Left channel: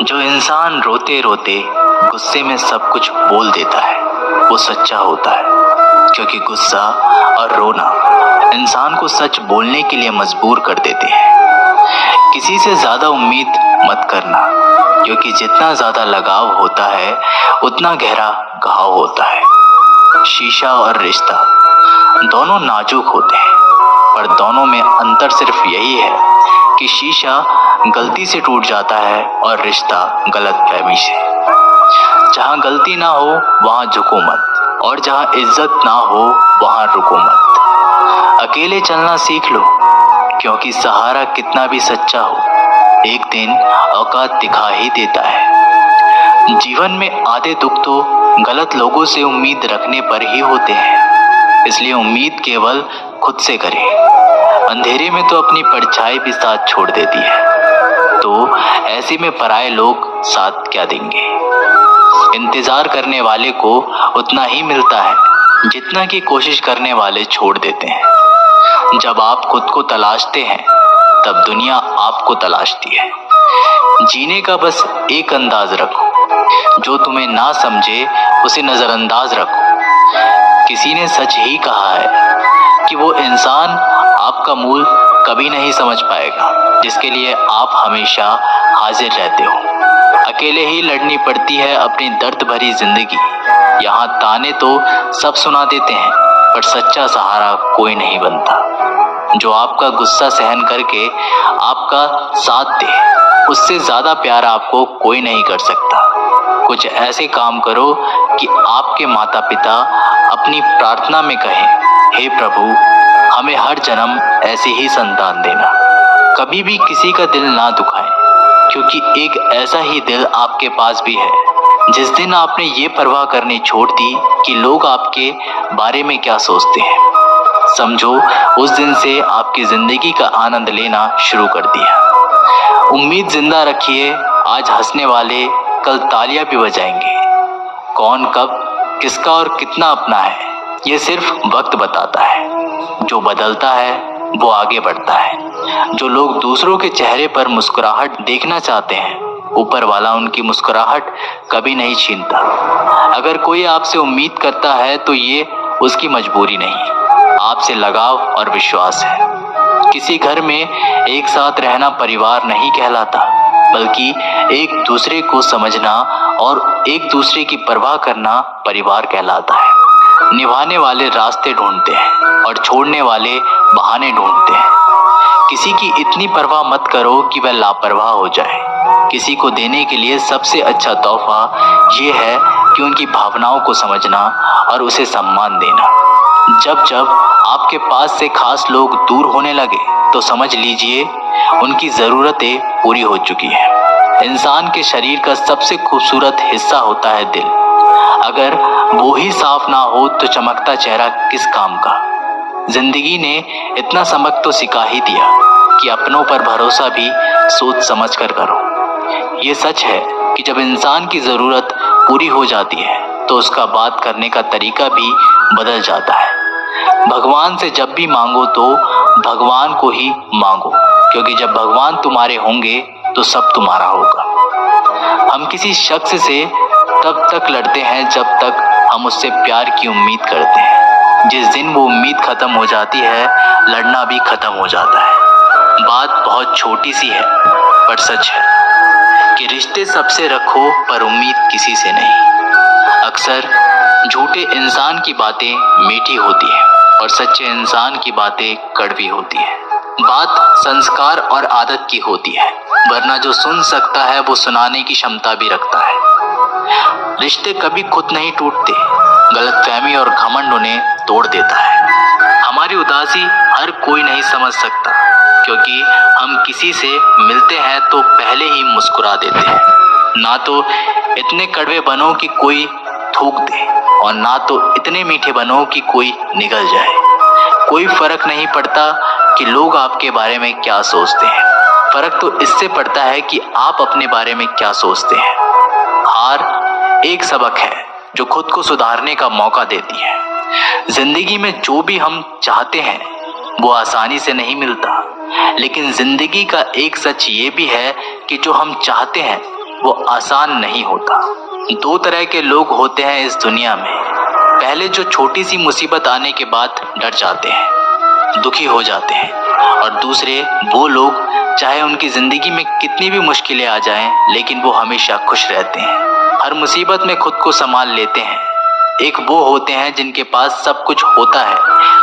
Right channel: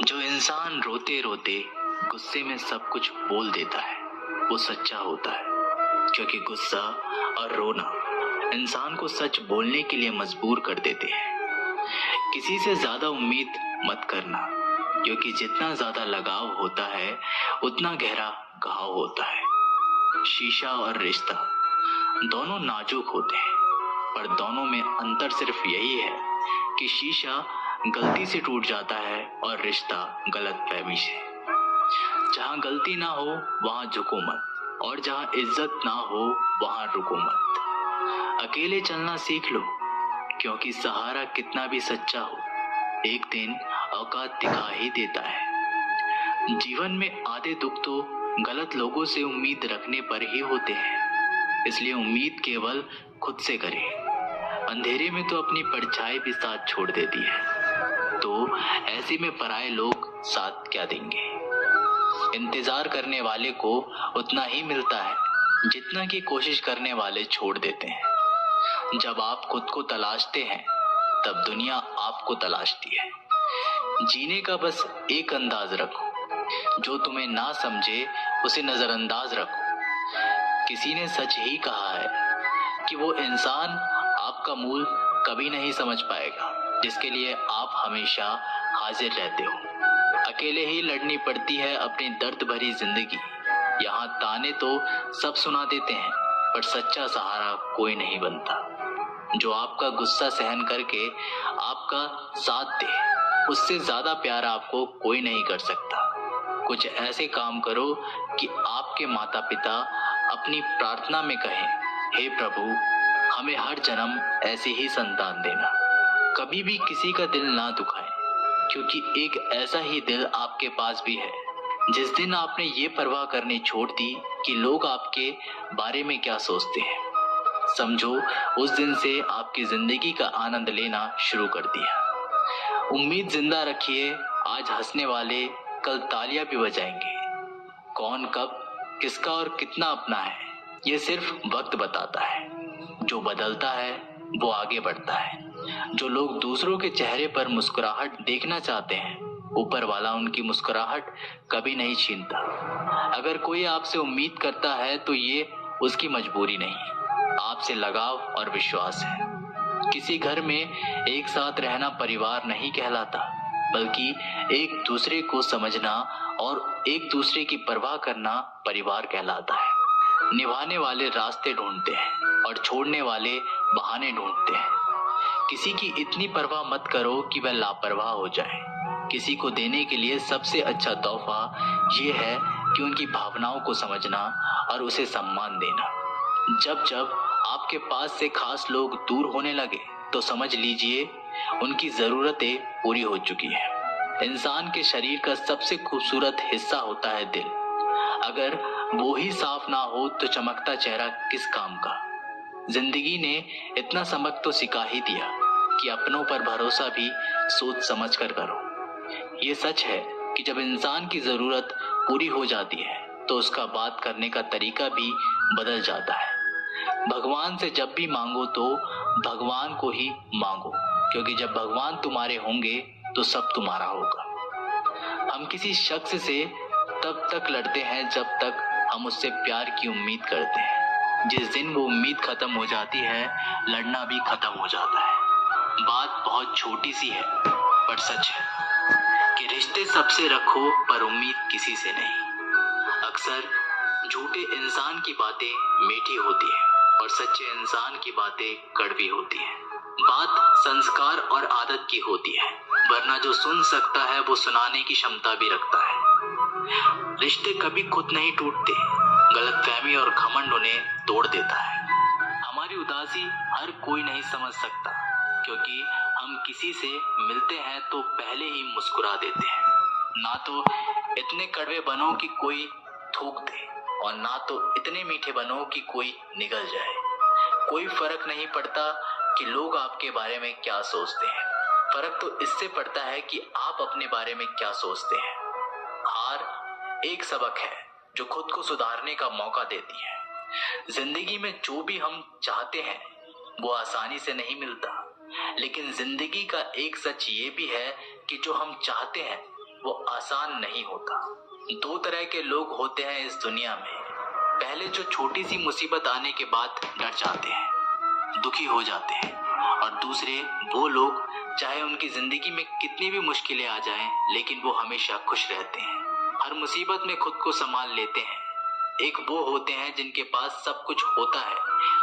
जो इंसान रोते रोते गुस्से में सब कुछ बोल देता है वो सच्चा होता है, क्योंकि गुस्सा और रोना इंसान को सच बोलने के लिए मजबूर कर देते हैं। किसी से ज्यादा उम्मीद मत करना, क्योंकि जितना ज्यादा लगाव होता है उतना गहरा घाव होता है। शीशा और रिश्ता दोनों नाजुक होते हैं, पर दोनों में अंतर सिर्फ यही है कि शीशा गलती से टूट जाता है और रिश्ता गलतफहमी से। जहाँ गलती ना हो वहाँ झुको मत, और जहाँ इज्जत ना हो वहाँ रुको मत। अकेले चलना सीख लो, क्योंकि सहारा कितना भी सच्चा हो एक दिन औकात दिखा ही देता है। जीवन में आधे दुख तो गलत लोगों से उम्मीद रखने पर ही होते हैं, इसलिए उम्मीद केवल खुद से करें। अंधेरे में तो अपनी परछाई भी साथ छोड़ देती है, तो ऐसे में पराये लोग साथ क्या देंगे। इंतजार करने वाले को उतना ही मिलता है जितना कि कोशिश करने वाले छोड़ देते हैं। जब आप खुद को तलाशते हैं तब दुनिया आपको तलाशती है। जीने का बस एक अंदाज रखो, जो तुम्हें ना समझे उसे नजरअंदाज रखो। किसी ने सच ही कहा है कि वो इंसान आपका मूल कभी नहीं समझ पाएगा जिसके लिए आप हमेशा हाजिर रहते हो। अकेले ही लड़नी पड़ती है अपनी दर्द भरी जिंदगी। यहाँ ताने तो सब सुना देते हैं, पर सच्चा सहारा कोई नहीं बनता। जो आपका गुस्सा सहन करके आपका साथ दे, उससे ज्यादा प्यार आपको कोई नहीं कर सकता। कुछ ऐसे काम करो कि आपके माता पिता अपनी प्रार्थना में कहें, हे प्रभु हमें हर जन्म ऐसे ही संतान देना। कभी भी किसी का दिल ना दुखाएं, क्योंकि एक ऐसा ही दिल आपके पास भी है। जिस दिन आपने ये परवाह करनी छोड़ दी कि लोग आपके बारे में क्या सोचते हैं, समझो उस दिन से आपकी जिंदगी का आनंद लेना शुरू कर दिया। उम्मीद जिंदा रखिए, आज हंसने वाले कल तालियां भी बजाएंगे। कौन कब किसका और कितना अपना है ये सिर्फ वक्त बताता है। जो बदलता है वो आगे बढ़ता है। जो लोग दूसरों के चेहरे पर मुस्कुराहट देखना चाहते हैं, ऊपर वाला उनकी मुस्कुराहट कभी नहीं छीनता। अगर कोई आपसे उम्मीद करता है तो ये उसकी मजबूरी नहीं, आपसे लगाव और विश्वास है। किसी घर में एक साथ रहना परिवार नहीं कहलाता, बल्कि एक दूसरे को समझना और एक दूसरे की परवाह करना परिवार कहलाता है। निभाने वाले रास्ते ढूंढते हैं और छोड़ने वाले बहाने ढूंढते हैं। किसी की इतनी परवाह मत करो कि वह लापरवाह हो जाए। किसी को देने के लिए सबसे अच्छा तोहफा ये है कि उनकी भावनाओं को समझना और उसे सम्मान देना। जब जब आपके पास से खास लोग दूर होने लगे तो समझ लीजिए उनकी ज़रूरतें पूरी हो चुकी हैं। इंसान के शरीर का सबसे खूबसूरत हिस्सा होता है दिल। अगर वो ही साफ ना हो तो चमकता चेहरा किस काम का। जिंदगी ने इतना सबक तो सिखा ही दिया कि अपनों पर भरोसा भी सोच समझ कर करो। ये सच है कि जब इंसान की ज़रूरत पूरी हो जाती है तो उसका बात करने का तरीका भी बदल जाता है। भगवान से जब भी मांगो तो भगवान को ही मांगो, क्योंकि जब भगवान तुम्हारे होंगे तो सब तुम्हारा होगा। हम किसी शख्स से तब तक लड़ते हैं जब तक हम उससे प्यार की उम्मीद करते हैं। जिस दिन वो उम्मीद खत्म हो जाती है, लड़ना भी खत्म हो जाता है। बात बहुत छोटी सी है पर सच है कि रिश्ते सबसे रखो पर उम्मीद किसी से नहीं। अक्सर झूठे इंसान की बातें मीठी होती है और सच्चे इंसान की बातें कड़वी होती है। बात संस्कार और आदत की होती है, वरना जो सुन सकता है वो सुनाने की क्षमता भी रखता है। रिश्ते कभी खुद नहीं टूटते, गलतफहमी और घमंड उन्हें तोड़ देता है। हमारी उदासी हर कोई नहीं समझ सकता, क्योंकि हम किसी से मिलते हैं तो पहले ही मुस्कुरा देते हैं। ना तो इतने कड़वे बनो कि कोई थूक दे, और ना तो इतने मीठे बनो कि कोई निगल जाए। कोई फर्क नहीं पड़ता कि लोग आपके बारे में क्या सोचते हैं, फर्क तो इससे पड़ता है कि आप अपने बारे में क्या सोचते हैं। हार एक सबक है जो खुद को सुधारने का मौका देती है। जिंदगी में जो भी हम चाहते हैं वो आसानी से नहीं मिलता, लेकिन जिंदगी का एक सच ये भी है कि जो हम चाहते हैं वो आसान नहीं होता। दो तरह के लोग होते हैं इस दुनिया में। पहले जो छोटी सी मुसीबत आने के बाद डर जाते हैं, दुखी हो जाते हैं, और दूसरे वो लोग चाहे उनकी जिंदगी में कितनी भी मुश्किलें आ जाएं, लेकिन वो हमेशा खुश रहते हैं, हर मुसीबत में खुद को संभाल लेते हैं। एक वो होते हैं जिनके पास सब कुछ होता है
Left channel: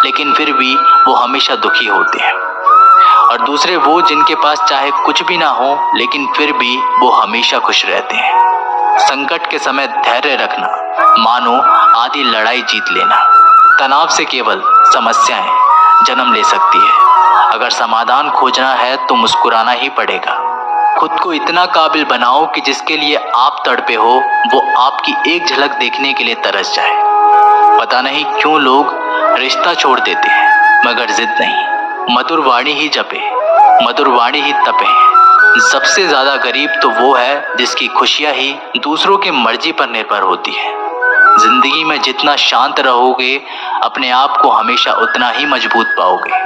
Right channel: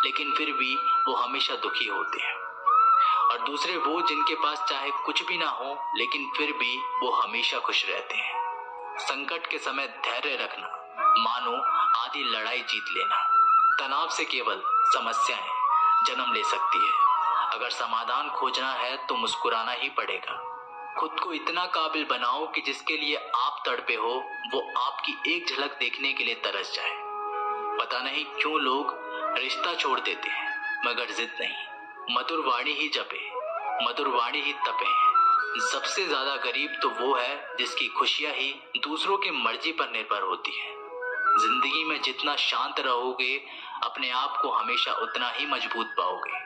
लेकिन फिर भी वो हमेशा दुखी होते हैं, और दूसरे वो जिनके पास चाहे कुछ भी ना हो लेकिन फिर भी वो हमेशा खुश रहते हैं। संकट के समय धैर्य रखना मानो आधी लड़ाई जीत लेना। तनाव से केवल समस्याएं जन्म ले सकती है। अगर समाधान खोजना है तो मुस्कुराना ही पड़ेगा। खुद को इतना काबिल बनाओ कि जिसके लिए आप तड़पे हो वो आपकी एक झलक देखने के लिए तरस जाए। पता नहीं क्यों लोग रिश्ता छोड़ देते हैं मगर जिद नहीं। मधुर वाणी ही जपे, मधुर वाणी ही तपे। सबसे ज्यादा गरीब तो वो है जिसकी खुशियां ही दूसरों की मर्जी पर निर्भर होती है। जिंदगी में जितना शांत रहोगे अपने आप को हमेशा उतना ही मजबूत पाओगे,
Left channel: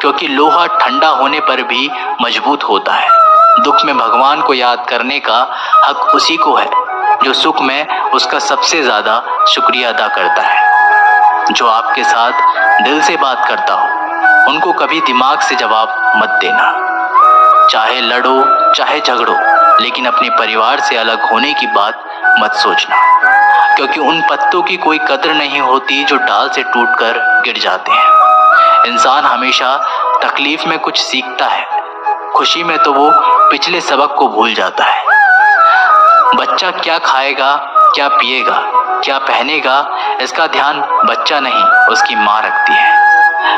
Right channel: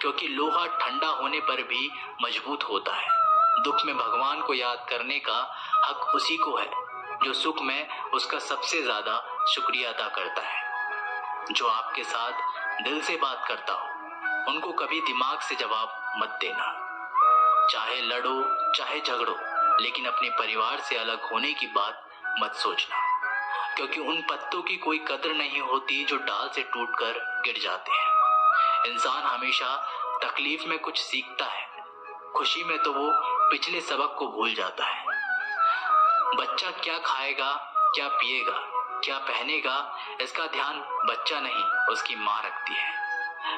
क्योंकि लोहा ठंडा होने पर भी मजबूत होता है। दुख में भगवान को याद करने का हक उसी को है जो सुख में उसका सबसे ज्यादा शुक्रिया अदा करता है। जो आपके साथ दिल से बात करता हो उनको कभी दिमाग से जवाब मत देना। चाहे लड़ो चाहे झगड़ो, लेकिन अपने परिवार से अलग होने की बात मत सोचना, क्योंकि उन पत्तों की कोई कदर नहीं होती जो डाल से टूटकर गिर जाते हैं। इंसान हमेशा तकलीफ में कुछ सीखता है, खुशी में तो वो पिछले सबक को भूल जाता है। बच्चा क्या खाएगा, क्या पिएगा, क्या पहनेगा, इसका ध्यान बच्चा नहीं उसकी माँ रखती है।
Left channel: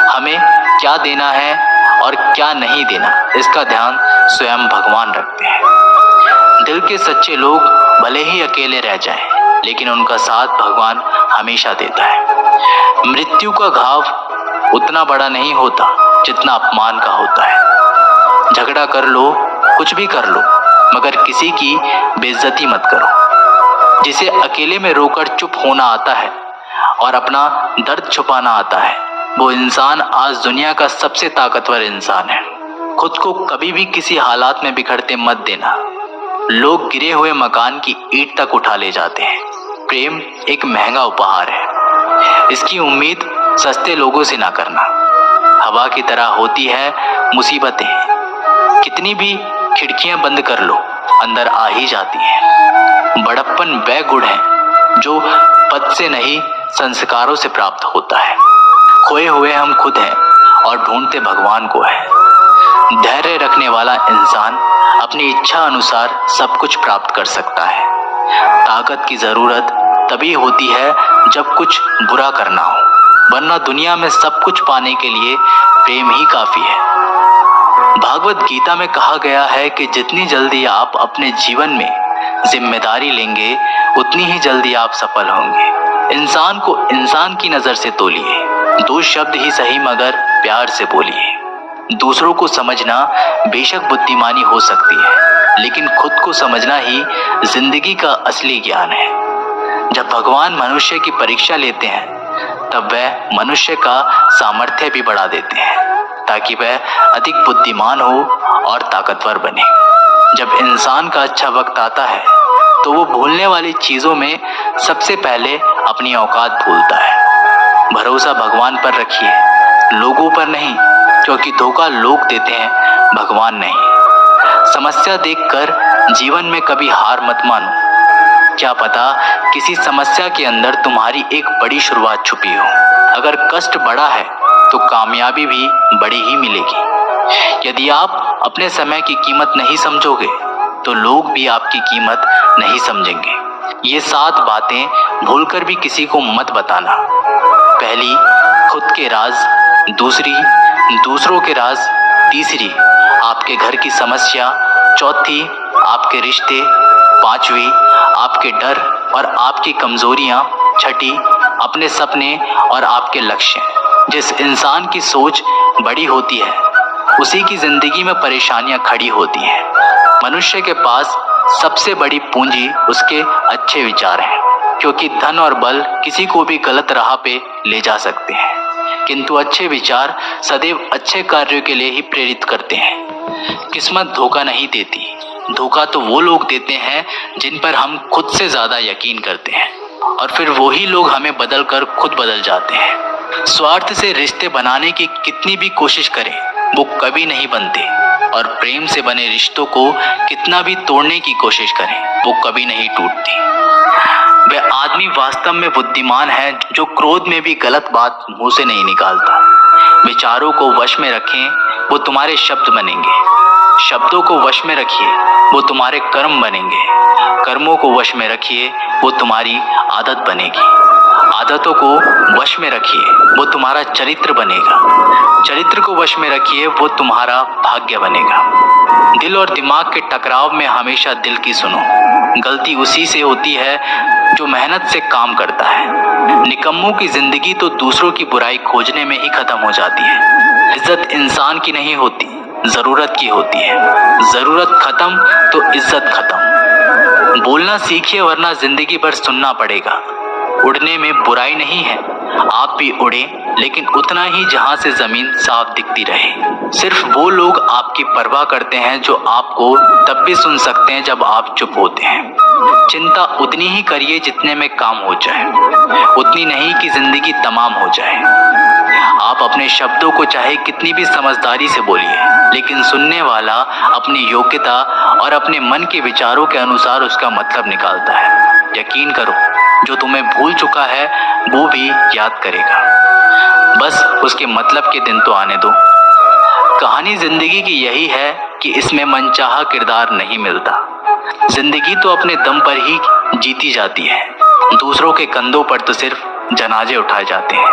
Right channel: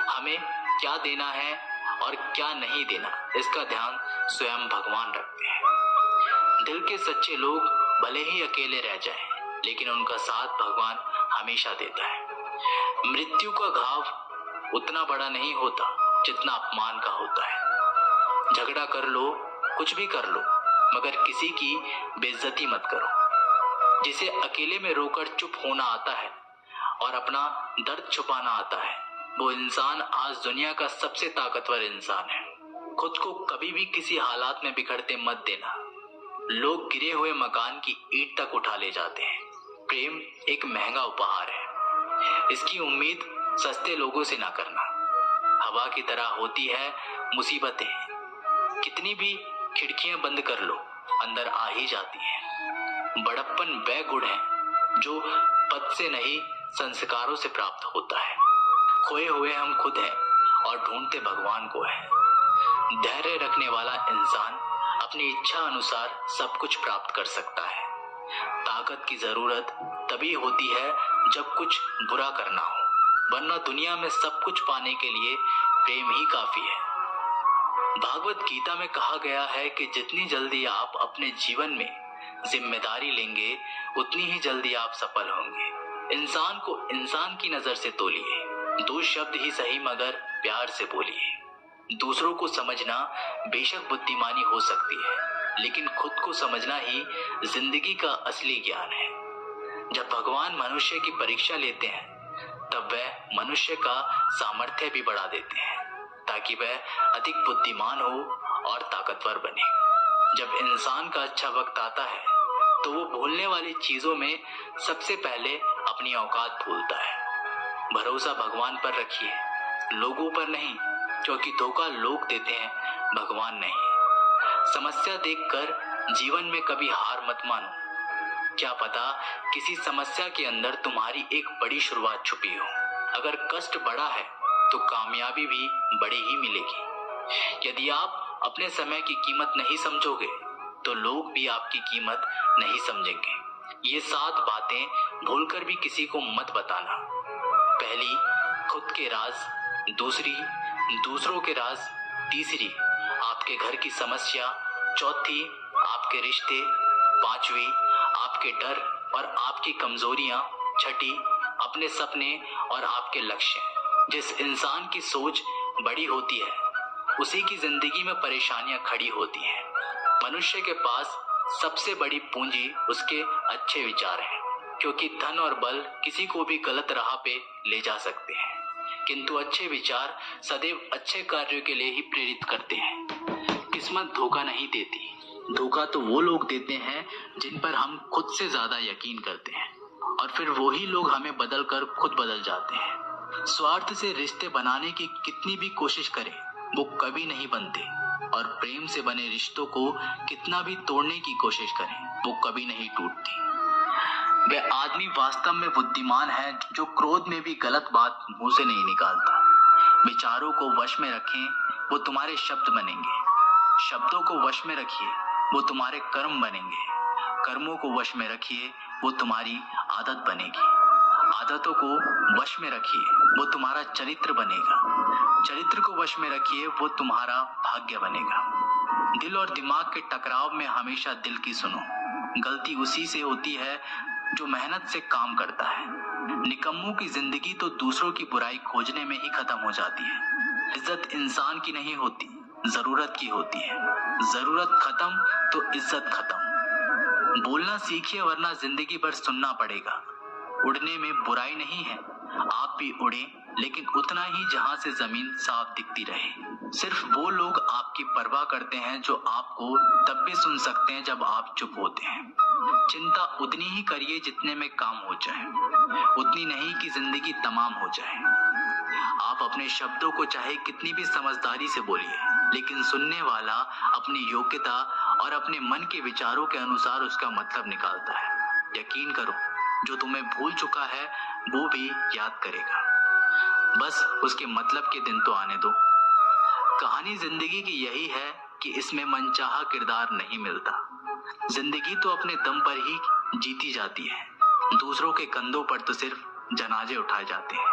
हमें क्या देना है और क्या नहीं देना, इसका ध्यान स्वयं भगवान रखते हैं। दिल के सच्चे लोग भले ही अकेले रह जाएं, लेकिन उनका साथ भगवान हमेशा देता है। मृत्यु का घाव उतना बड़ा नहीं होता जितना अपमान का होता है। झगड़ा कर लो, कुछ भी कर लो, मगर किसी की बेइज्जती मत करो। जिसे अकेले में रोकर चुप होना आता है और अपना दर्द छुपाना आता है, वो इंसान आज दुनिया का सबसे ताकतवर इंसान है। खुद को कभी भी किसी हालात में बिखरते मत देना। लोग गिरे हुए मकान की ईंट तक उठा ले जाते हैं। प्रेम एक महंगा उपहार है, इसकी उम्मीद सस्ते लोगों से ना करना। हवा की तरह होती है मुसीबतें, कितनी भी खिड़कियां बंद कर लो अंदर आ ही जाती हैं। बड़प्पन वह गुण है जो पद से नहीं संस्कारों से प्राप्त होता है। खोए हुए हम खुद हैं और ढूंढते भगवान को है। धैर्य रखने वाला इंसान अपनी इच्छा अनुसार सब कुछ प्राप्त कर सकता है। ताकत की जरूरत तभी होती है जब कुछ बुरा करना हो, वरना दुनिया में सब कुछ पाने के लिए प्रेम ही काफी है। भागवत गीता में कहा गया है कि जितनी जल्दी आप अपने जीवन में जिम्मेदारी लेंगे उतनी ही जल्दी आप सफल होंगे। इंसान को इंसान की नजर से तोलिए, दो शब्द ही सही मगर प्यार से बोलिए। दूसरों को समझना बेशक बुद्धिमानी हो सकती है, लेकिन खुद को समझना ही जिंदगी का असली ज्ञान है। जब भगवान मनुष्य की परीक्षा लेते हैं तब वह मनुष्य का सामर्थ्य भी बढ़ा देते हैं ताकि वह अधिक बुद्धिमान हो और ताकतवर बने। जब इंसान का अच्छा वक्त आता है तो वो भूलने वाली चीजों में सबसे पहले अपनी औकात भूलता है। भरोसा भगवान पर रखिए, लोगों पर नहीं, क्योंकि धोखा लोग देते हैं, भगवान नहीं। समस्या देखकर जीवन में कभी हार मत मानो। क्या पता किसी समस्या के अंदर तुम्हारी एक बड़ी शुरुआत छुपी हो। अगर कष्ट बड़ा है तो कामयाबी भी बड़ी ही मिलेगी। यदि आप अपने समय की कीमत नहीं समझोगे तो लोग भी आपकी कीमत नहीं समझेंगे। ये 7 बातें भूलकर भी किसी को मत बताना। पहली, खुद के राज। दूसरी, दूसरों के राज। तीसरी, आपके घर की समस्या। चौथी, आपके रिश्ते। पांचवी, आपके डर और आपकी कमजोरियां। छठी, अपने सपने और आपके लक्ष्य। जिस इंसान की सोच बड़ी होती है उसी की जिंदगी में परेशानियां खड़ी होती हैं। मनुष्य के पास सबसे बड़ी पूंजी उसके अच्छे विचार हैं, क्योंकि धन और बल किसी को भी गलत राह पे ले जा सकते हैं, किंतु अच्छे विचार सदैव अच्छे कार्यों के लिए ही प्रेरित करते हैं। किस्मत धोखा नहीं देती, धोखा तो वो लोग देते हैं जिन पर हम खुद से ज्यादा यकीन करते हैं, और फिर वही लोग हमें बदल कर खुद बदल जाते हैं। स्वार्थ से रिश्ते बनाने की कितनी भी कोशिश करें वो कभी नहीं बनते, और प्रेम से बने रिश्तों को कितना भी तोड़ने की कोशिश करें वो कभी नहीं टूटती। वह आदमी वास्तव में बुद्धिमान है जो क्रोध में भी गलत बात मुंह से नहीं निकालता। विचारों को वश में रखें, वो तुम्हारे शब्द बनेंगे। शब्दों को वश में रखिए, वो तुम्हारे कर्म बनेंगे। कर्मों को वश में रखिए, वो तुम्हारी आदत बनेगी। आदतों को वश में रखिए, वो तुम्हारा चरित्र बनेगा। चरित्र को वश में रखिए, वो तुम्हारा भाग्य बनेगा। दिल और दिमाग के टकराव में हमेशा दिल की सुनो। गलती उसी से होती है जो मेहनत से काम करता है। निकम्मों की जिंदगी तो दूसरों की बुराई खोजने में ही खत्म हो जाती है। इज्जत इंसान की नहीं होती, जरूरत की होती है। जरूरत खत्म तो इज्जत खत्म। बोलना सीखिए वरना जिंदगी भर सुनना पड़ेगा। उड़ने में बुराई नहीं है, आप भी उड़े, लेकिन उतना ही जहां से जमीन साफ दिखती रहे। सिर्फ वो लोग आपकी परवाह करते हैं जो आपको तब भी सुन सकते हैं जब आप चुप होते हैं। चिंता उतनी ही करिए जितने में काम हो जाए, उतनी नहीं कि जिंदगी तमाम हो जाए। आप अपने शब्दों को चाहे कितनी भी समझदारी से बोलिए, लेकिन सुनने वाला अपनी योग्यता और अपने मन के विचारों के अनुसार उसका मतलब निकालता है। यकीन करो, जो तुम्हें भूल चुका है वो भी याद करेगा, बस उसके मतलब के दिन तो आने दो। कहानी जिंदगी की यही है कि इसमें मनचाहा किरदार नहीं मिलता। जिंदगी तो अपने दम पर ही जीती जाती है, दूसरों के कंधों पर तो सिर्फ जनाजे उठाए जाते हैं।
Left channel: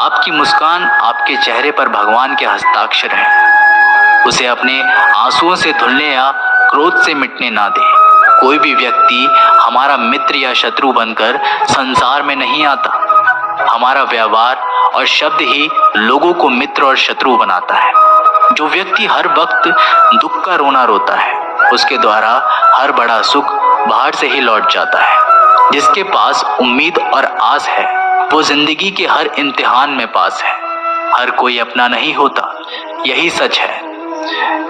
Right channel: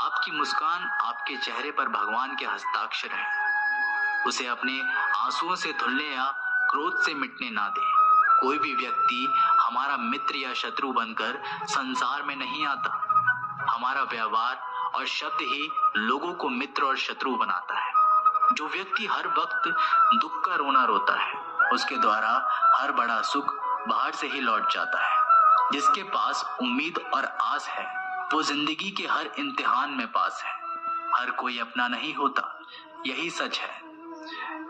आपकी मुस्कान आपके चेहरे पर भगवान के हस्ताक्षर है, उसे अपने आंसुओं से धुलने या क्रोध से मिटने ना दे। कोई भी व्यक्ति हमारा मित्र या शत्रु बनकर संसार में नहीं आता। हमारा व्यवहार और शब्द ही लोगों को मित्र और शत्रु बनाता है। जो व्यक्ति हर वक्त दुख का रोना रोता है, उसके द्वारा हर बड़ा सुख बाहर से ही लौट जाता है। जिसके पास उम्मीद और आस है, वो जिंदगी के हर इम्तिहान में पास है। हर कोई अपना नहीं होता, यही सच है।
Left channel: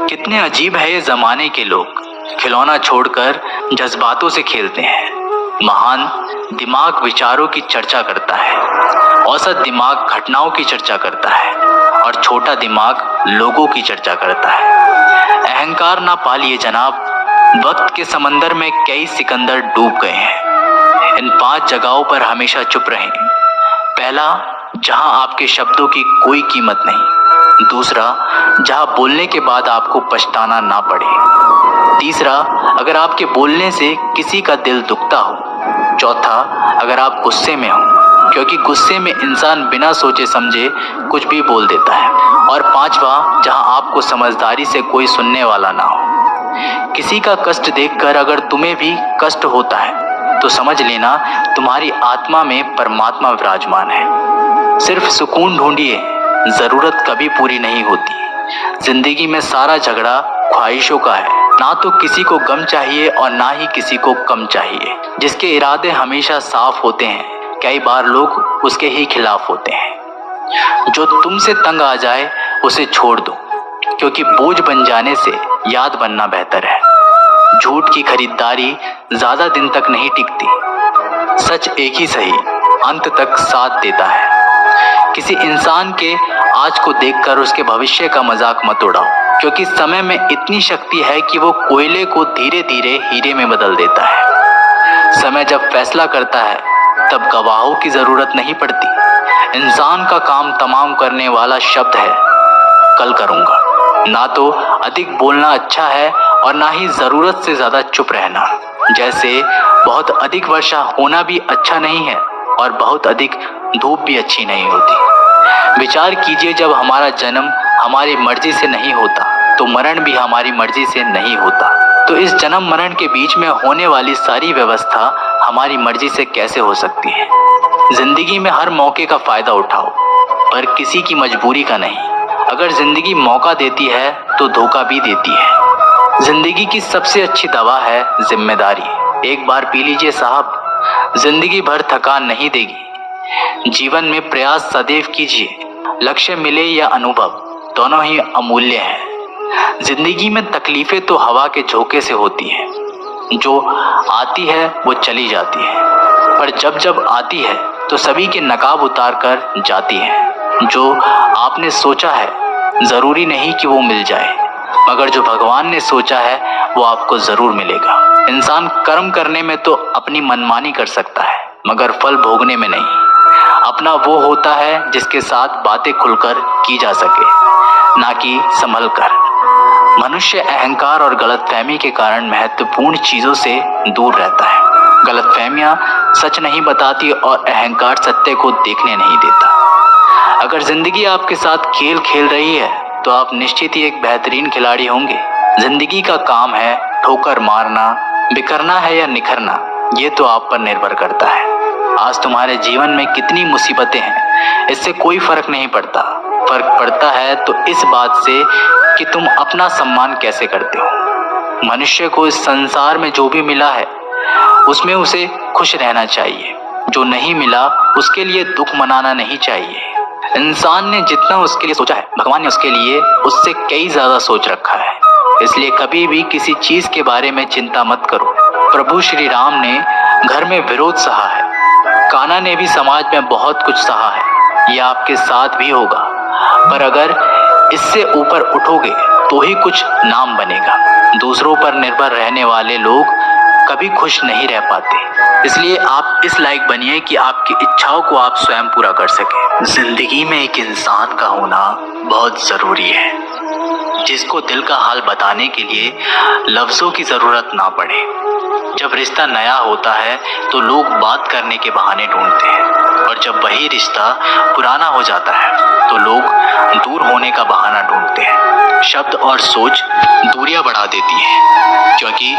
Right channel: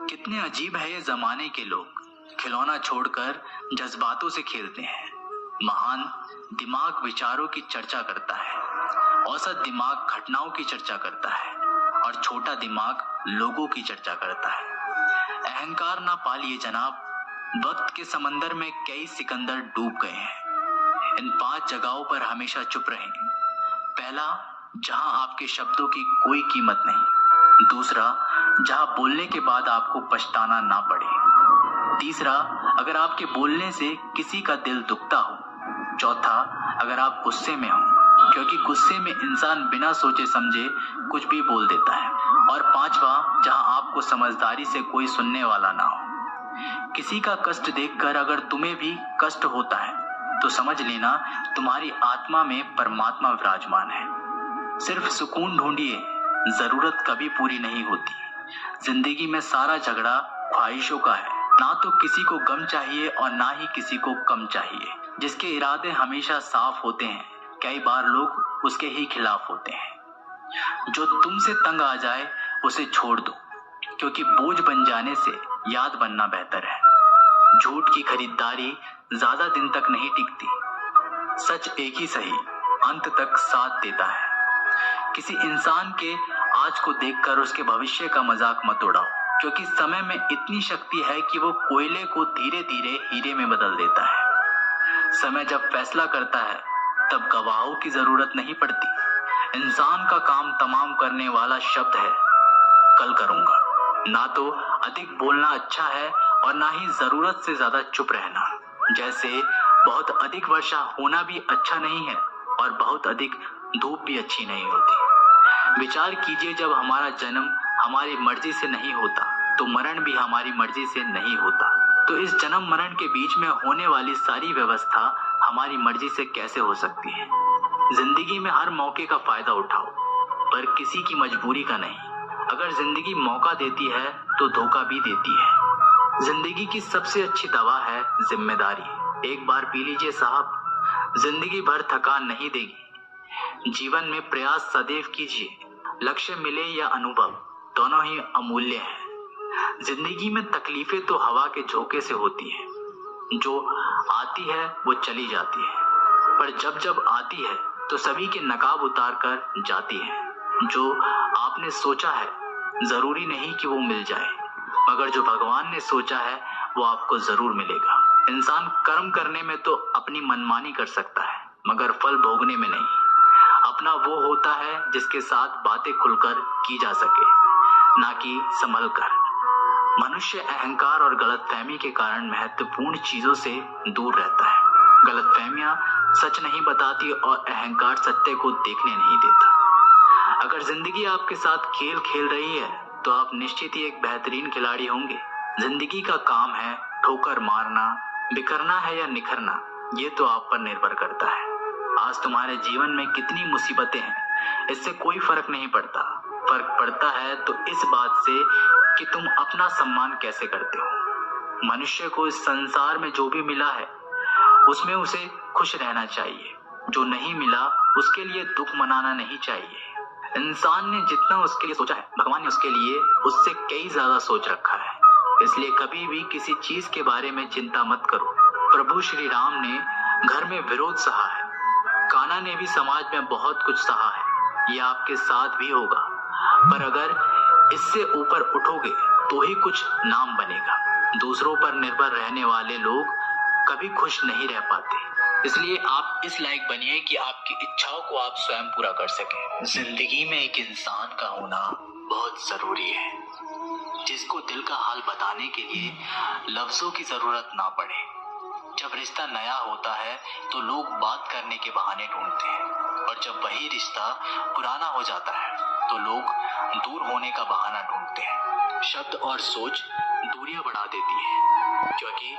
कितने अजीब है ये जमाने के लोग, खिलौना छोड़कर जज्बातों से खेलते हैं। महान दिमाग विचारों की चर्चा करता है, औसत दिमाग घटनाओं की चर्चा करता है, और छोटा दिमाग लोगों की चर्चा करता है। अहंकार ना पालिए जनाब, वक्त के समंदर में कई सिकंदर डूब गए हैं। इन 5 जगहों पर हमेशा चुप रहें। पहला, जहां आपके शब्दों की कोई कीमत नहीं। दूसरा, जहां बोलने के बाद आपको पछताना ना पड़े। तीसरा, अगर आपके बोलने से किसी का दिल दुखता हो। चौथा, अगर आप गुस्से में हो, क्योंकि गुस्से में इंसान बिना सोचे समझे कुछ भी बोल देता है। और पांचवा, जहां आपको समझदारी से कोई सुनने वाला ना हो। किसी का कष्ट देखकर अगर तुम्हें भी कष्ट होता है तो समझ लेना तुम्हारी आत्मा में परमात्मा विराजमान है। सिर्फ सुकून ढूंढिए, जरूरत कभी पूरी नहीं होती। जिंदगी में सारा झगड़ा ख्वाहिशों का है। ना तो किसी को गम चाहिए और ना ही किसी को कम चाहिए। जिसके इरादे हमेशा साफ होते हैं, कई बार लोग उसके ही खिलाफ होते हैं। जो तुमसे तंग आ जाए उसे छोड़ दो, क्योंकि बोझ बन जाने से याद बनना बेहतर है। झूठ की खरीदारी ज्यादा दिन तक नहीं टिकती। सच एक ही सही अंत तक साथ देता है। किसी इंसान के आज को देखकर उसके भविष्य का मजाक मत उड़ाओ, क्योंकि समय में इतनी शक्ति है कि वो कोयले को धीरे धीरे हीरे में बदल देता है। समय जब फैसला करता है तब गवाहों की जरूरत नहीं पड़ती। इंसान का काम तमाम करने वाला शब्द है, कल करूंगा। ना तो अधिक बोलना अच्छा है और ना ही जरूरत से ज्यादा चुप रहना। जैसे बहुत अधिक वर्षा होना भी अच्छा नहीं है और बहुत अधिक धूप भी अच्छी नहीं होती। विचार कीजिए, जब हमारा जन्म हमारी मर्जी से नहीं होता तो मरण भी हमारी मर्जी से नहीं होता। तो इस जन्म मरण के बीच में होने वाली सारी व्यवस्था हमारी मर्जी से कैसे हो सकती है। जिंदगी में हर मौके का फायदा उठाओ, पर किसी की मजबूरी का नहीं। अगर जिंदगी मौका देती है तो धोखा भी देती है। जिंदगी की सबसे अच्छी दवा है जिम्मेदारी। एक बार पी लीजिए साहब, जिंदगी भर थकान नहीं देगी। जीवन में प्रयास सदैव कीजिए। लक्ष्य मिले या अनुभव, दोनों ही अमूल्य हैं। जिंदगी में तकलीफें तो हवा के झोंके से होती हैं, जो आती है वो चली जाती है, पर जब जब आती है तो सभी के नकाब उतार कर जाती है। जो आपने सोचा है जरूरी नहीं कि वो मिल जाए, मगर जो भगवान ने सोचा है वो आपको जरूर मिलेगा। इंसान कर्म करने में तो अपनी मनमानी कर सकता है, मगर फल भोगने में नहीं। अपना वो होता है जिसके साथ बातें खुलकर की जा सके, ना कि संभल कर। मनुष्य अहंकार और गलतफहमी के कारण महत्वपूर्ण चीजों से दूर रहता है। गलतफहमियां सच नहीं बताती और अहंकार सत्य को देखने नहीं देता। अगर जिंदगी आपके साथ खेल खेल रही है तो आप निश्चित ही एक बेहतरीन खिलाड़ी होंगे। जिंदगी का काम है ठोकर मारना, बिखरना है या निखरना, ये तो आप पर निर्भर करता है। आज तुम्हारे जीवन में कितनी मुसीबतें हैं, इससे कोई फर्क नहीं पड़ता। फर्क पड़ता है तो इस बात से कि तुम अपना सम्मान कैसे करते हो। मनुष्य को इस संसार में जो भी मिला है उसमें उसे खुश रहना चाहिए। जो नहीं मिला उसके लिए दुख मनाना नहीं चाहिए। इंसान ने जितना उसके लिए सोचा है, भगवान ने उसके लिए उससे कई ज्यादा सोच रखा है। इसलिए कभी भी किसी चीज के बारे में चिंता मत करो। प्रभु श्री राम ने घर में विरोध सहा है, कान्हा ने भी समाज में बहुत कुछ सहा है। यह आपके साथ भी होगा, पर अगर इससे ऊपर उठोगे तो ही कुछ नाम बनेगा। दूसरों पर निर्भर रहने वाले लोग कभी खुश नहीं रह पाते। इसलिए आप इस लायक बनिए कि आपकी इच्छाओं को आप स्वयं पूरा कर सके। जिंदगी में एक इंसान का होना बहुत जरूरी है, जिसको दिल का हाल बताने के लिए लफ्जों की जरूरत ना पड़े। जब रिश्ता नया होता है तो लोग बात करने के बहाने ढूंढते हैं, और जब वही रिश्ता पुराना हो जाता है तो लोग दूर होने का बहाना ढूंढते हैं। शब्द और सोच दूरियां बढ़ा देती हैं, क्योंकि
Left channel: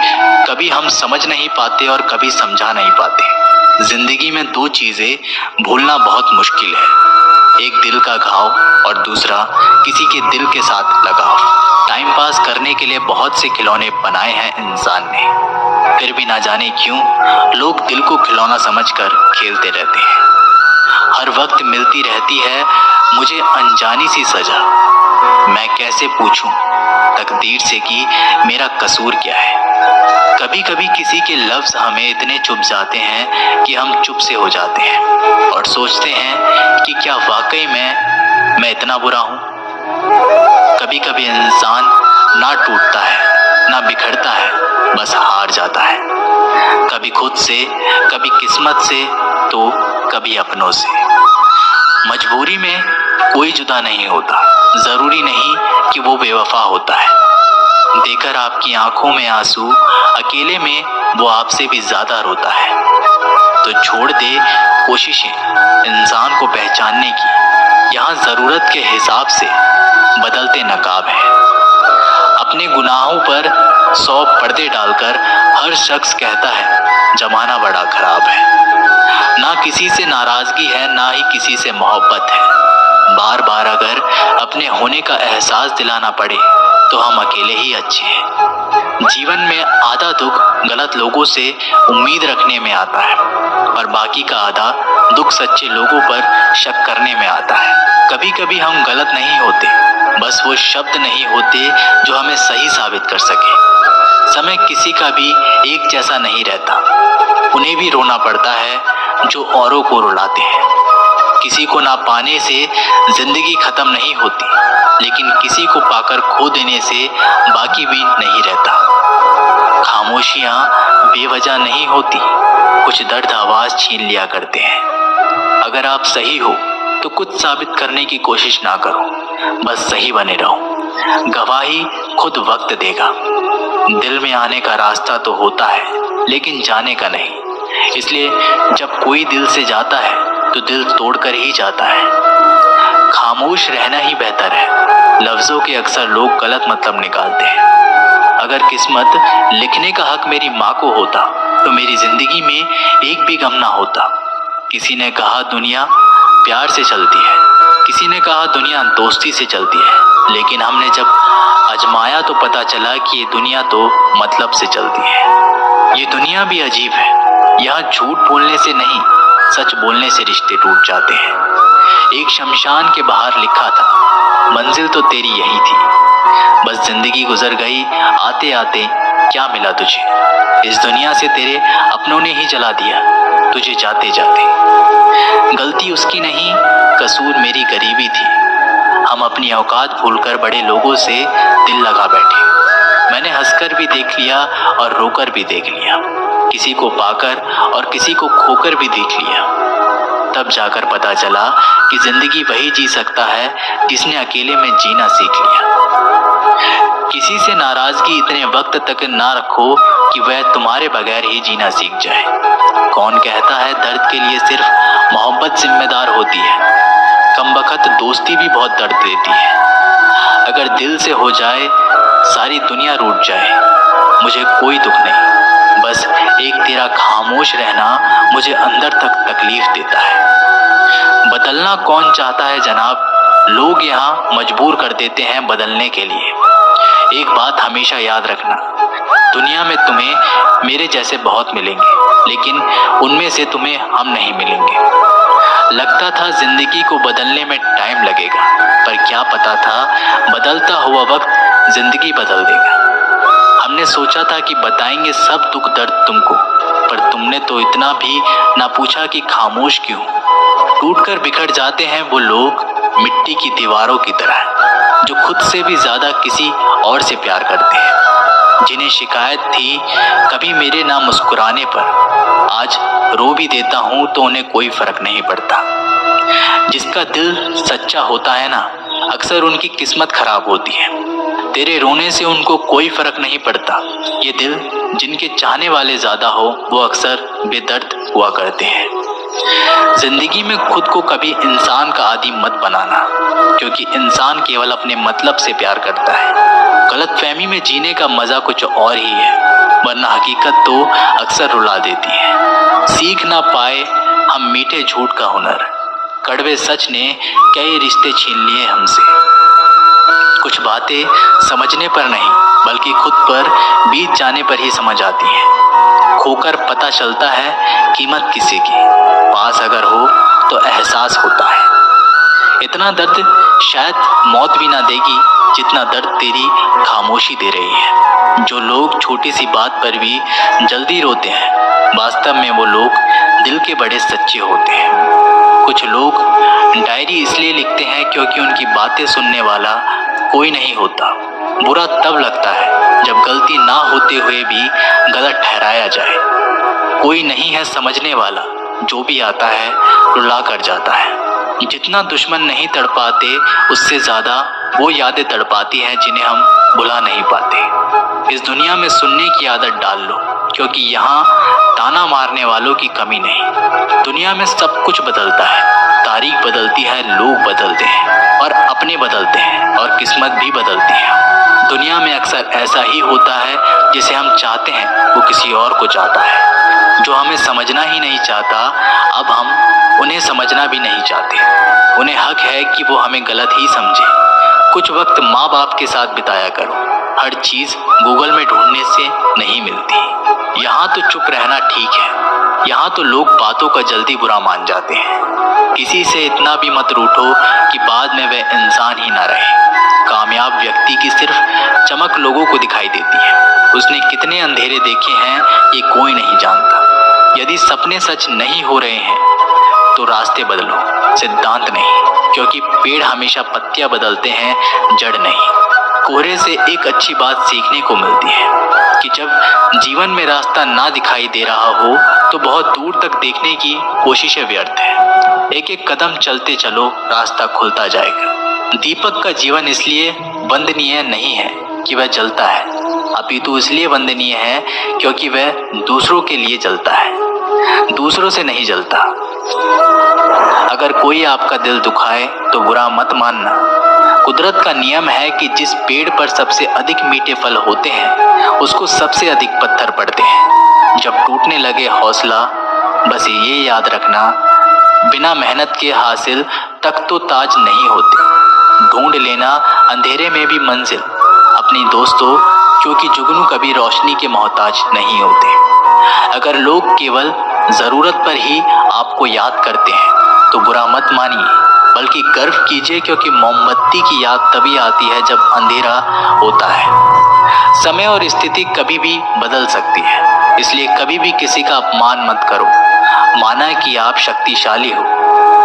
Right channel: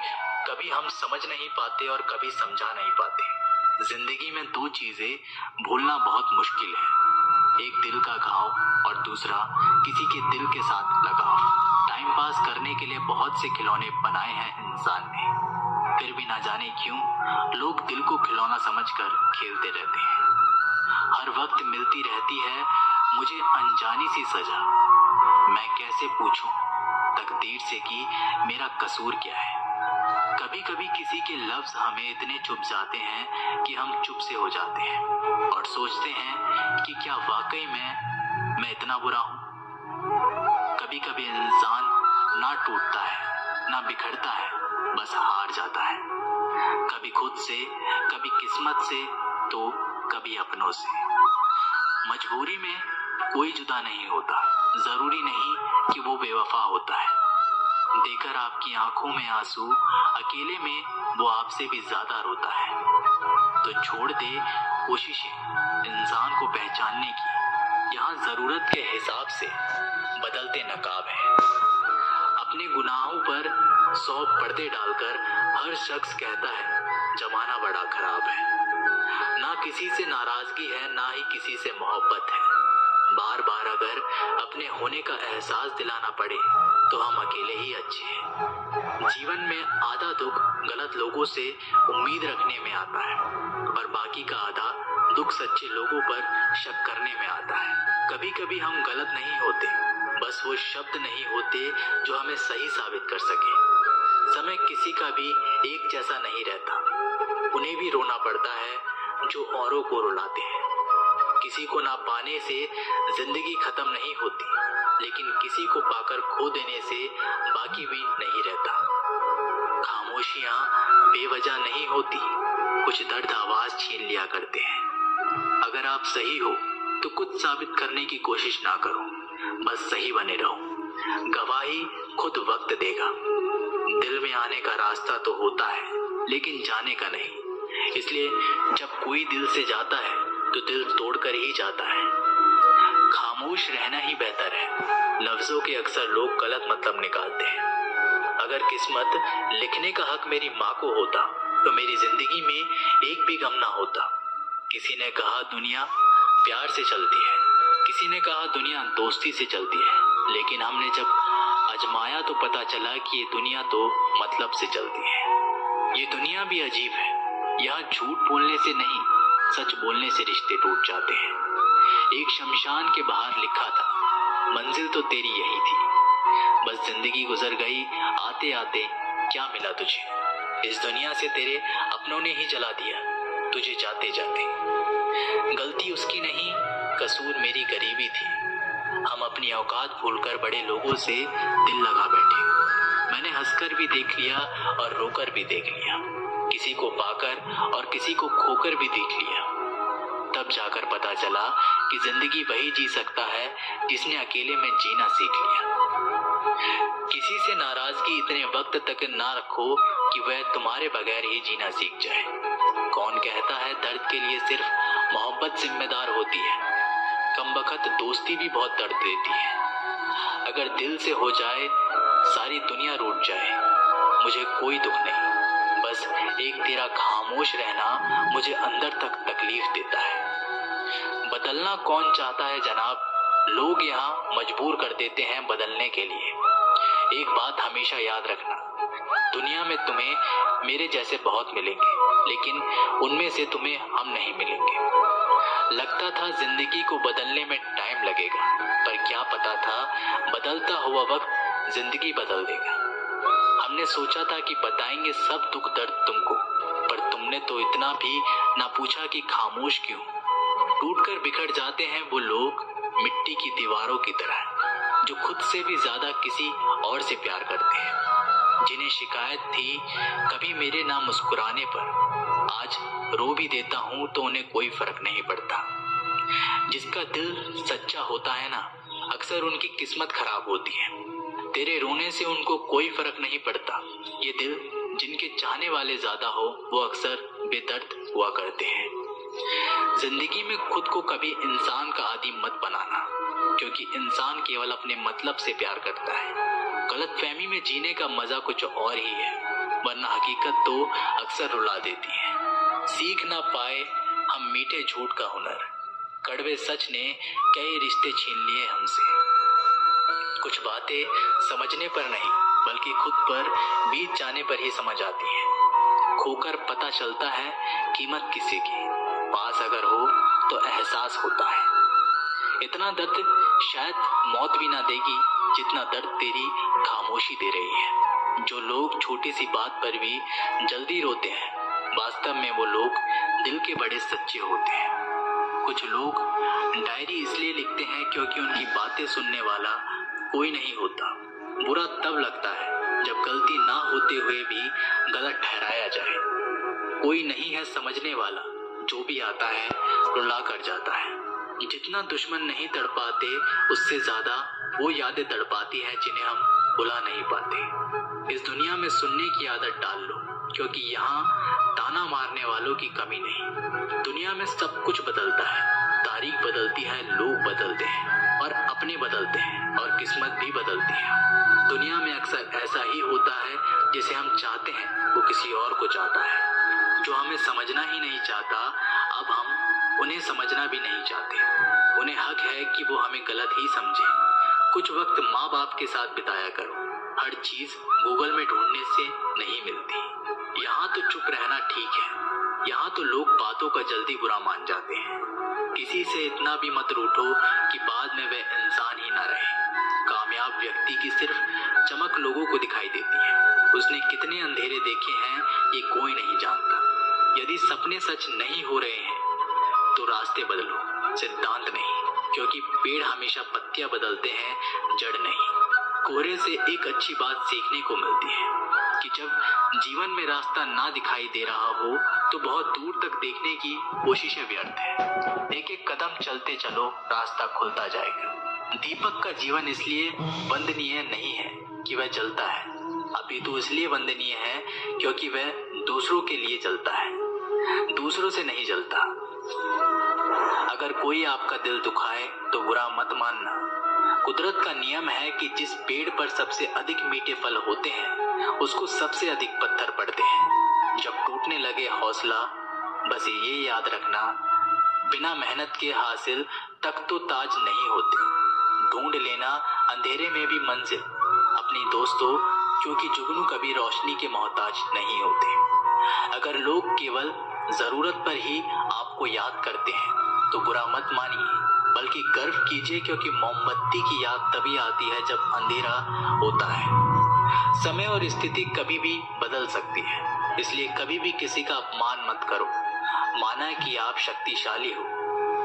कभी हम समझ नहीं पाते और कभी समझा नहीं पाते। जिंदगी में दो चीजें भूलना बहुत मुश्किल है, एक दिल का घाव और दूसरा किसी के दिल के साथ लगाव। टाइम पास करने के लिए बहुत से खिलौने बनाए हैं इंसान ने, फिर भी ना जाने क्यों लोग दिल को खिलौना समझकर खेलते रहते हैं। हर वक्त मिलती रहती है मुझे अनजानी सी सजा, मैं कैसे पूछूं तकदीर से कि मेरा कसूर क्या है। कभी कभी किसी के लफ्ज हमें इतने चुभ जाते हैं कि हम चुप से हो जाते हैं और सोचते हैं कि क्या वाकई में मैं इतना बुरा हूं। कभी कभी इंसान ना टूटता है ना बिखरता है, बस हार जाता है, कभी खुद से, कभी किस्मत से, तो कभी अपनों से। मजबूरी में कोई जुदा नहीं होता, जरूरी नहीं कि वो बेवफा होता है। देकर आपकी आंखों में आंसू, अकेले में वो आपसे भी ज्यादा रोता है। तो छोड़ दे कोशिशें इंसान को पहचानने की, यहाँ जरूरत के हिसाब से बदलते नकाब है। अपने गुनाहों पर 100 पर्दे डालकर हर शख्स कहता है जमाना बड़ा खराब है। ना किसी से नाराजगी है, ना ही किसी से मोहब्बत है। बार बार अगर अपने होने का एहसास दिलाना पड़े तो हम अकेले ही अच्छे हैं। जीवन में आधा दुख गलत लोगों से उम्मीद रखने में आता है, और बाकी का आधा दुख सच्चे लोगों पर शक करने में आता है। कभी कभी हम गलत नहीं होते, बस वो शब्द नहीं होते जो हमें सही साबित कर सके। समय किसी का भी एक जैसा नहीं रहता, उन्हें भी रोना पड़ता है जो औरों को रुलाते हैं। किसी को ना पाने से जिंदगी खत्म नहीं होती, लेकिन किसी को पाकर खो देने से बाकी भी नहीं रहता। खामोशियां बेवजह नहीं होती, कुछ दर्द आवाज छीन लिया करते हैं। अगर आप सही हो तो कुछ साबित करने की कोशिश ना करो, बस सही बने रहो। गवाही खुद वक्त देगा। दिल में आने का रास्ता तो होता है, लेकिन जाने का नहीं। इसलिए जब कोई दिल से जाता है तो दिल तोड़कर ही जाता है। खामोश रहना ही बेहतर है। लफ्जों के अक्सर लोग गलत मतलब निकालते हैं। अगर किस्मत लिखने का हक मेरी माँ को होता तो मेरी जिंदगी में एक भी गम ना होता। किसी ने कहा दुनिया प्यार से चलती है, किसी ने कहा दुनिया दोस्ती से चलती है, लेकिन हमने जब आजमाया तो पता चला कि ये दुनिया तो मतलब से चलती है। ये दुनिया भी अजीब है, यहाँ झूठ बोलने से नहीं, सच बोलने से रिश्ते टूट जाते हैं। एक शमशान के बाहर लिखा था मंजिल तो तेरी यही थी, बस जिंदगी गुजर गई आते आते, क्या मिला तुझे? इस दुनिया से तेरे अपनों ने ही जला दिया तुझे जाते जाते। गलती उसकी नहीं, कसूर मेरी गरीबी थी। हम अपनी औकात भूलकर बड़े लोगों से दिल लगा बैठे। मैंने हंसकर भी देख लिया और रोकर भी देख लिया, किसी को पाकर और किसी को खोकर भी देख लिया। तब जाकर पता चला कि जिंदगी वही जी सकता है जिसने अकेले में जीना सीख लिया। किसी से नाराजगी इतने वक्त तक ना रखो कि वह तुम्हारे बगैर ही जीना सीख जाए। कौन कहता है दर्द के लिए सिर्फ मोहब्बत जिम्मेदार होती है? कमबख्त दोस्ती भी बहुत दर्द देती है। अगर दिल से हो जाए सारी दुनिया रूठ जाए, मुझे कोई दुख नहीं, बस एक तेरा खामोश रहना मुझे अंदर तक तकलीफ देता है। बदलना कौन चाहता है जनाब, लोग यहाँ मजबूर कर देते हैं बदलने के लिए। एक बात हमेशा याद रखना, दुनिया में तुम्हें मेरे जैसे बहुत मिलेंगे, लेकिन उनमें से तुम्हें हम नहीं मिलेंगे। लगता था जिंदगी को बदलने में टाइम लगेगा, पर क्या पता था बदलता हुआ वक्त जिंदगी बदल देगा। हमने सोचा था कि बताएंगे सब दुख दर्द तुमको, पर तुमने तो इतना भी ना पूछा कि खामोश क्यों। टूटकर बिखर जाते हैं वो लोग मिट्टी की दीवारों की तरह, जो खुद से भी ज्यादा किसी और से प्यार करते हैं। जिन्हें शिकायत थी कभी मेरे ना मुस्कुराने पर, आज रो भी देता हूँ तो उन्हें कोई फर्क नहीं पड़ता। जिसका दिल सच्चा होता है ना, अक्सर उनकी किस्मत खराब होती है। तेरे रोने से उनको कोई फर्क नहीं पड़ता। ये दिल जिनके चाहने वाले ज्यादा हो वो अक्सर बेदर्द हुआ करते हैं। जिंदगी में खुद को कभी इंसान का आदी मत बनाना, क्योंकि इंसान केवल अपने मतलब से प्यार करता है। गलतफहमी में जीने का मजा कुछ और ही है, वरना हकीकत तो अक्सर रुला देती है। सीख ना पाए हम मीठे झूठ का हुनर, कड़वे सच ने कई रिश्ते छीन लिए हमसे। कुछ बातें समझने पर नहीं बल्कि खुद पर बीत जाने पर ही समझ आती हैं। खोकर पता चलता है कीमत किसी की, पास अगर हो तो एहसास होता है। इतना दर्द शायद मौत भी ना देगी जितना दर्द तेरी खामोशी दे रही है। जो लोग छोटी सी बात पर भी जल्दी रोते हैं, वास्तव में वो लोग दिल के बड़े सच्चे होते हैं। कुछ लोग डायरी इसलिए लिखते हैं क्योंकि उनकी बातें सुनने वाला कोई नहीं होता। बुरा तब लगता है जब गलती ना होते हुए भी गलत ठहराया जाए। कोई नहीं है समझने वाला, जो भी आता है रुला कर जाता है। जितना दुश्मन नहीं तड़पाते, उससे ज्यादा वो यादें तड़पाती हैं जिन्हें हम भुला नहीं पाते। इस दुनिया में सुनने की आदत डाल लो, क्योंकि यहाँ ताना मारने वालों की कमी नहीं। दुनिया में सब कुछ बदलता है, तारीख बदलती है, लोग बदलते हैं और अपने बदलते हैं और किस्मत भी बदलती है। दुनिया में अक्सर ऐसा ही होता है, जिसे हम चाहते हैं वो किसी और को चाहता है। जो हमें समझना ही नहीं चाहता, अब हम उन्हें समझना भी नहीं चाहते। उन्हें हक है कि वो हमें गलत ही समझे। कुछ वक्त माँ बाप के साथ बिताया करो, हर चीज़ गूगल में ढूंढने से नहीं मिलती। यहाँ तो चुप रहना ठीक है, यहाँ तो लोग बातों का जल्दी बुरा मान जाते हैं। किसी से इतना भी मत रूठो कि बाद में वह इंसान ही ना रहे। कामयाब व्यक्ति की सिर्फ चमक लोगों को दिखाई देती है, उसने कितने अंधेरे देखे हैं ये कोई नहीं जानता। यदि सपने सच नहीं हो रहे हैं तो रास्ते बदलो, सिद्धांत नहीं, क्योंकि पेड़ हमेशा पत्तियां बदलते हैं, जड़ नहीं। कोहरे से एक अच्छी बात सीखने को मिलती है कि जब जीवन में रास्ता ना दिखाई दे रहा हो तो बहुत दूर तक देखने की कोशिशें व्यर्थ है। एक एक कदम चलते चलो, रास्ता खुलता जाएगा। दीपक का जीवन इसलिए वंदनीय नहीं है कि वह जलता है, अपितु इसलिए वंदनीय है क्योंकि वह दूसरों के लिए जलता है, दूसरों से नहीं जलता। अगर कोई आपका दिल दुखाए तो बुरा मत मानना। कुदरत का नियम है कि जिस पेड़ पर सबसे अधिक मीठे फल होते हैं उसको सबसे अधिक पत्थर पड़ते हैं। जब टूटने लगे हौसला, बस ये याद रखना, बिना मेहनत के हासिल तक तो ताज नहीं होते। ढूंढ लेना अंधेरे में भी मंजिल अपनी दोस्तों, क्योंकि जुगनू कभी रोशनी के मोहताज नहीं होते। अगर लोग केवल ज़रूरत पर ही आपको याद करते हैं तो बुरा मत मानिए, बल्कि गर्व कीजिए, क्योंकि मोमबत्ती की याद तभी आती है जब अंधेरा होता है। समय और स्थिति कभी भी बदल सकती है, इसलिए कभी भी किसी का अपमान मत करो। माना है कि आप शक्तिशाली हो,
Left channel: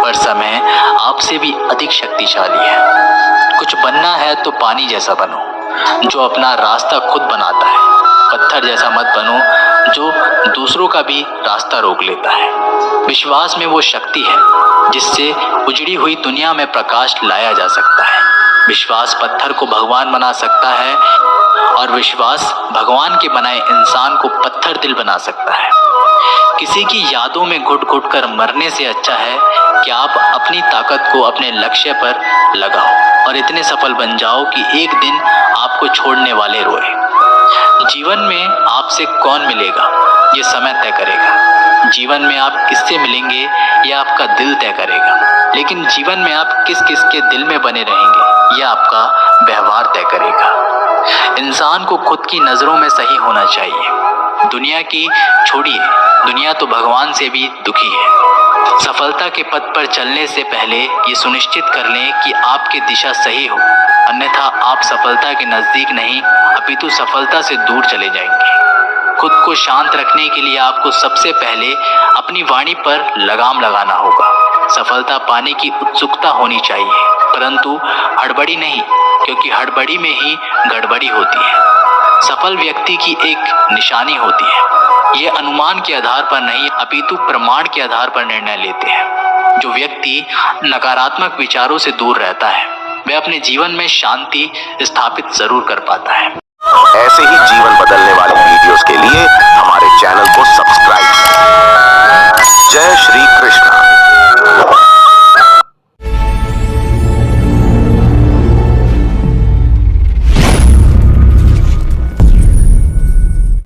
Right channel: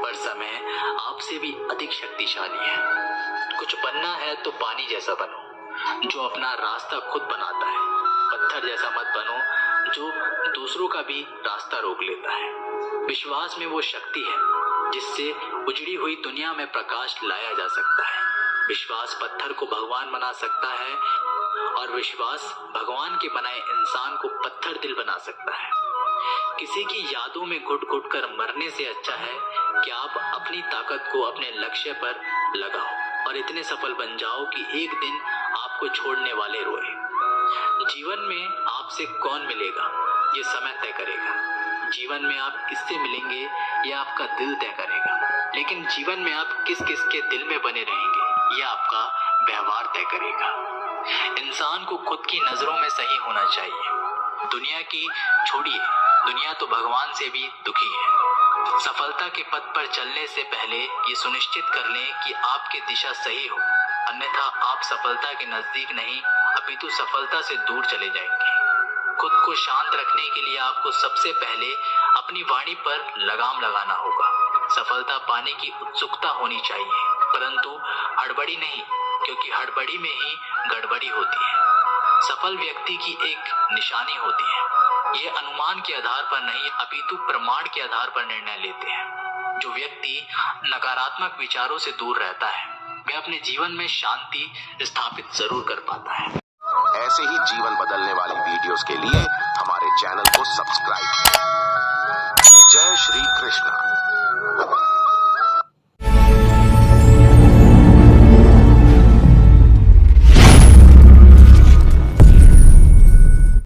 पर समय आपसे भी अधिक शक्तिशाली है। कुछ बनना है तो पानी जैसा बनो, जो अपना रास्ता खुद बनाता है। पत्थर जैसा मत बनो, जो दूसरों का भी रास्ता रोक लेता है। विश्वास में वो शक्ति है जिससे उजड़ी हुई दुनिया में प्रकाश लाया जा सकता है। विश्वास पत्थर को भगवान बना सकता है, और विश्वास भगवान के बनाए इंसान को पत्थर दिल बना सकता है। किसी की यादों में घुट घुट कर मरने से अच्छा है कि आप अपनी ताकत को अपने लक्ष्य पर लगाओ और इतने सफल बन जाओ कि एक दिन आपको छोड़ने वाले रोए। जीवन में आपसे कौन मिलेगा, ये समय तय करेगा। जीवन में आप किससे मिलेंगे, ये आपका दिल तय करेगा। लेकिन जीवन में आप किस किस के दिल में बने रहेंगे, ये आपका व्यवहार तय करेगा। इंसान को खुद की नजरों में सही होना चाहिए। दुनिया की छोड़िए, दुनिया तो भगवान से भी दुखी है। सफलता के पथ पर चलने से पहले ये सुनिश्चित कर लें कि आपकी दिशा सही हो, अन्यथा आप सफलता के नजदीक नहीं अपितु सफलता से दूर चले जाएंगे। खुद को शांत रखने के लिए आपको सबसे पहले अपनी वाणी पर लगाम लगाना होगा। सफलता पाने की उत्सुकता होनी चाहिए, परंतु हड़बड़ी नहीं, क्योंकि हड़बड़ी में ही गड़बड़ी होती है। सफल व्यक्ति की एक निशानी होती है, ये अनुमान के आधार पर नहीं अपितु प्रमाण के आधार पर निर्णय लेते हैं। जो व्यक्ति नकारात्मक विचारों से दूर रहता है, वह अपने जीवन में शांति स्थापित जरूर कर पाता है। ऐसे ही जीवन बदलने वाले वीडियोस के लिए